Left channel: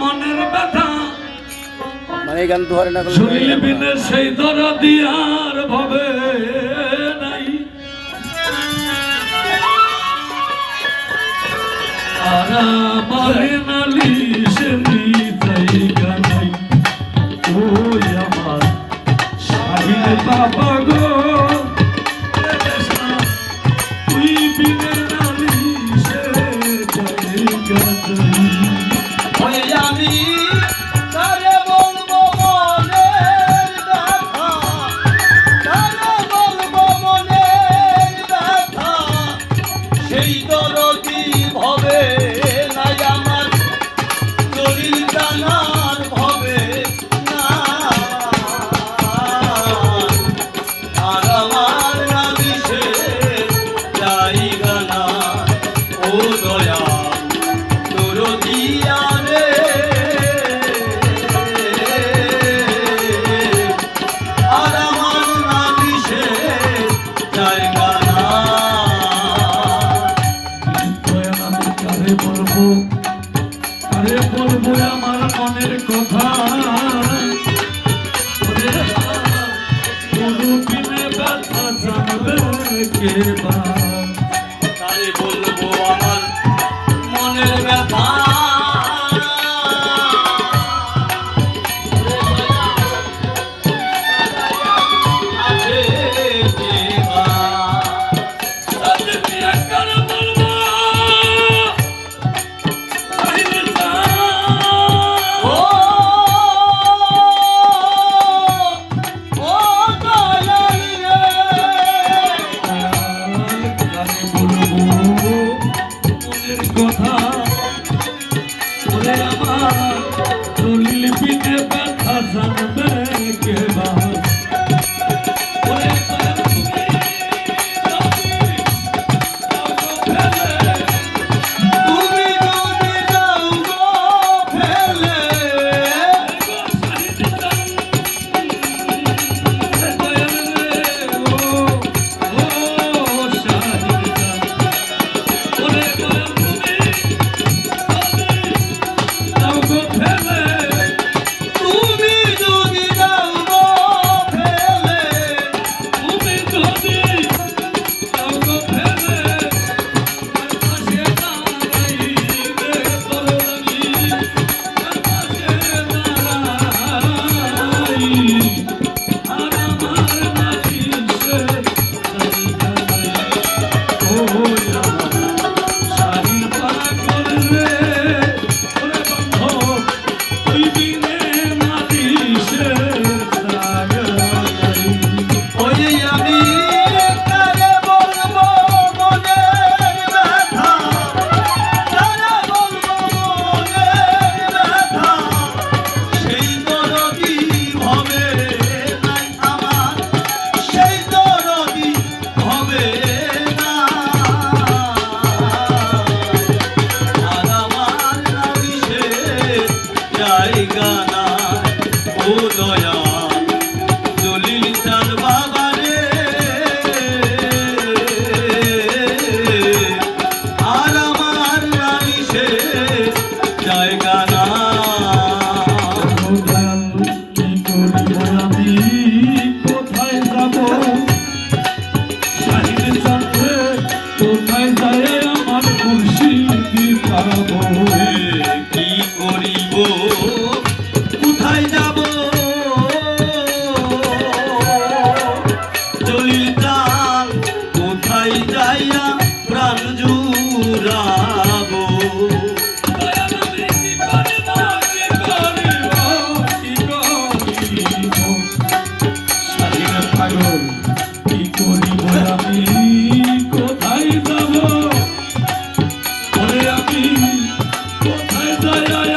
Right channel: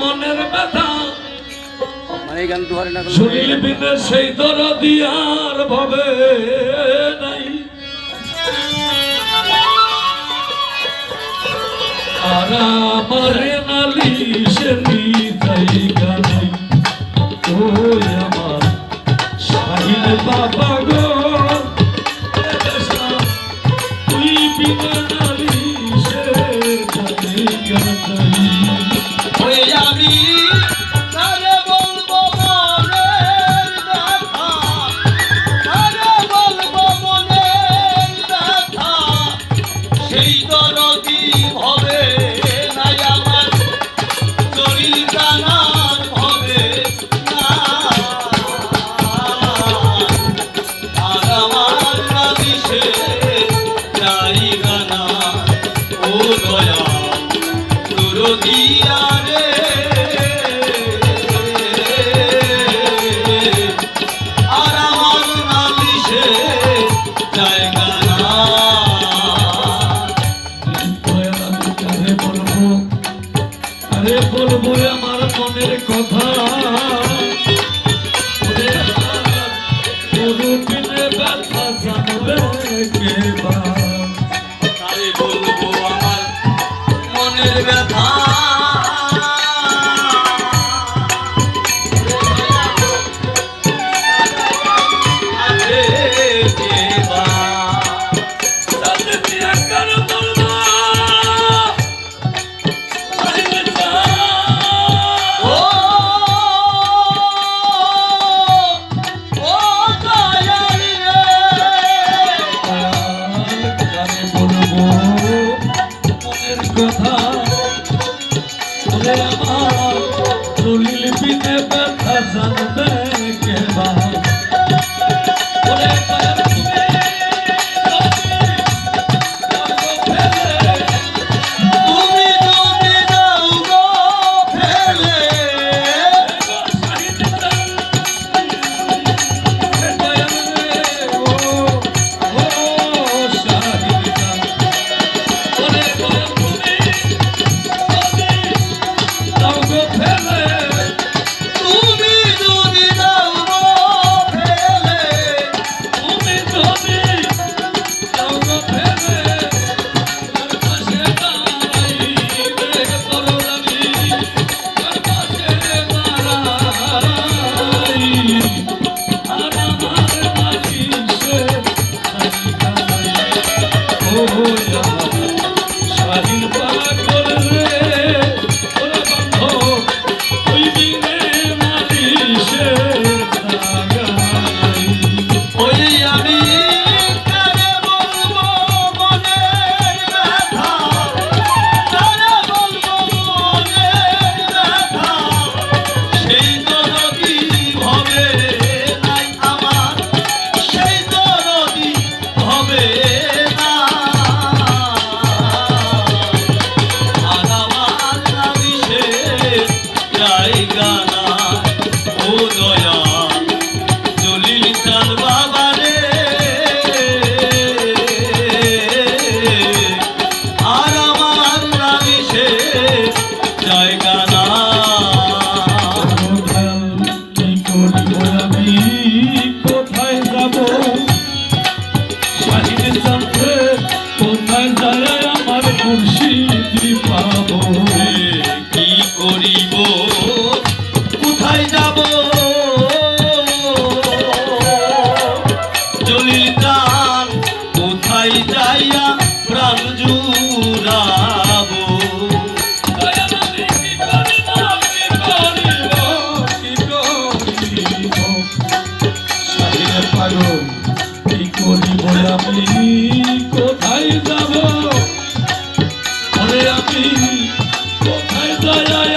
মনের ব্যথা। শুনিলি বিনে সেই দর দিয়ার ভবে নাই। আর আমার নালি সে তাই গান ও আমার সাহিল বাবা अरे बोल बुरा मार कोनेर कथा को खजन Yeah, yeah, yeah.